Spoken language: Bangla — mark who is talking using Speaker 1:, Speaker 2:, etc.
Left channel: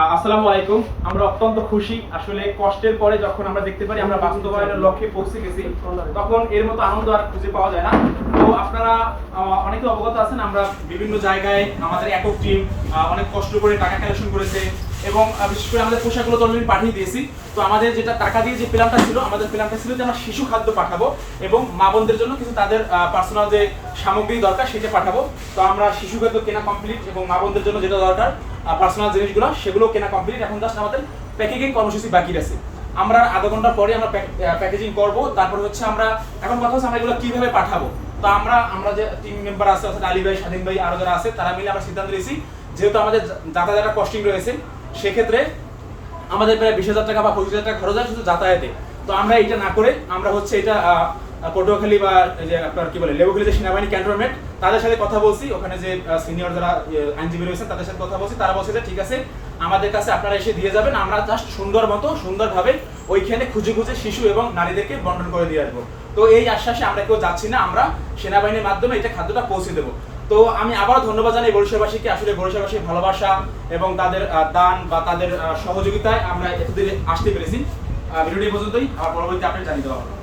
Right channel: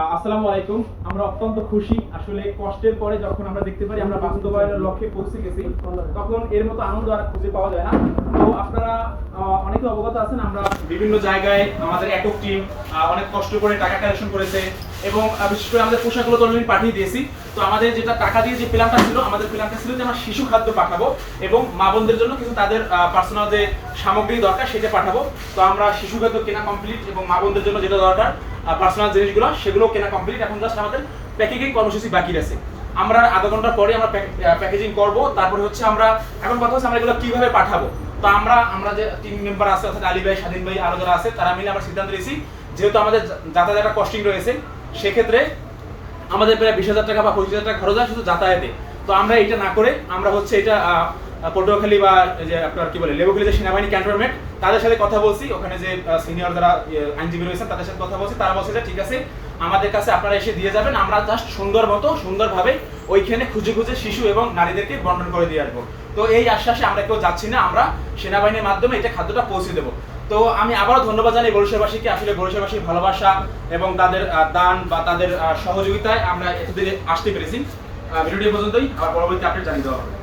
Speaker 1: আসসালামু আলাইকুম। আমরা অত্যন্ত খুশি। আসলে কষ্টের পরে যখন আমরা দেখতে পারি আমরা বাস্তবায়নের লক্ষ্যে পৌঁছে গেছি, তখন এর মতো আনন্দ আর খুঁজে পাওয়া যায় না। তো আপনারা অনেকে অবগত আছেন, আমরা বিভিন্ন জায়গায় আমাদের একক টিম অনেক কষ্ট করে টাকা কালেকশন করেছে এবং বিশেষ করে আমাদের পোশাকগুলো তো অলরেডি পাঠিয়ে দিয়েছি। তো আমাদের যেটা টাকা দিয়ে যে প্ল্যানটা ছিল, আমাদের প্ল্যানটা ছিল যে আমরা শিশু খাদ্য পাঠাবো এবং মা বোনদের জন্য কিছু তাদের পার্সোনাল যে সামগ্রী দরকার সেটা পাঠাবো। তো আমরা শিশু খাদ্য কেনা কমপ্লিট এবং মা বোনদের জন্য যেটা দরকার পার্সোনাল জিনিসগুলো, সেগুলো কেনা কমপ্লিট এখন জাস্ট আমাদের প্যাকেজিং কর্মসূচি বাকি আছে আমরা আধা ঘণ্টা পরে আমরা প্যাকেজিং করব, তারপর হচ্ছে আমরা, এখন কথা হচ্ছে আমরা এগুলো কীভাবে পাঠাবো? তো আমরা আমরা যে টিম মেম্বার আছে, অর্থাৎ আলী ভাই, স্বাধীন ভাই, আরও যারা আছে, তারা মিলে আমরা সিদ্ধান্ত নিয়েছি, যেহেতু আমাদের যা- যাতায়াতের একটা কস্টিং রয়েছে, সেক্ষেত্রে আমাদের প্রায় বিশ হাজার টাকা বা পঁচিশ হাজার টাকা খরচ হয় শুধু যাতায়াতে। তো আমরা এটা না করে, আমরা হচ্ছে এটা পটুয়াখালী বা যে আপনার কি বলে, লেবুখালী যে সেনাবাহিনী ক্যান্টনমেন্ট, তাদের সাথে কথা বলছি। ওখানে যে সিনিয়র যারা আইনজীবী রয়েছেন, তাদের সাথে কথা বলছি। তারা বলছে যে, ঠিক আছে, আমাদের কাছে আপনারা এসে দিয়ে যাবেন। আমরা জাস্ট সুন্দর মতো, সুন্দরভাবে ওইখানে খুঁজে খুঁজে শিশু এবং নারীদেরকে বন্টন করে দিয়ে আসব। তো এই আশ্বাসে আমরা কেউ যাচ্ছি না। আমরা সেনাবাহিনীর মাধ্যমে এটা খাদ্যটা পৌঁছে দেবো। তো আমি আবারও ধন্যবাদ জানাই বরিশালবাসীকে আসলে বরিশালবাসীর ভালোবাসা এবং তাদের দান বা তাদের সহযোগিতায় আমরা এতদিনে আসতে পেরেছি। ভিডিওটি পর্যন্তই। আর পরবর্তী আপডেট জানিয়ে দেওয়া হবে।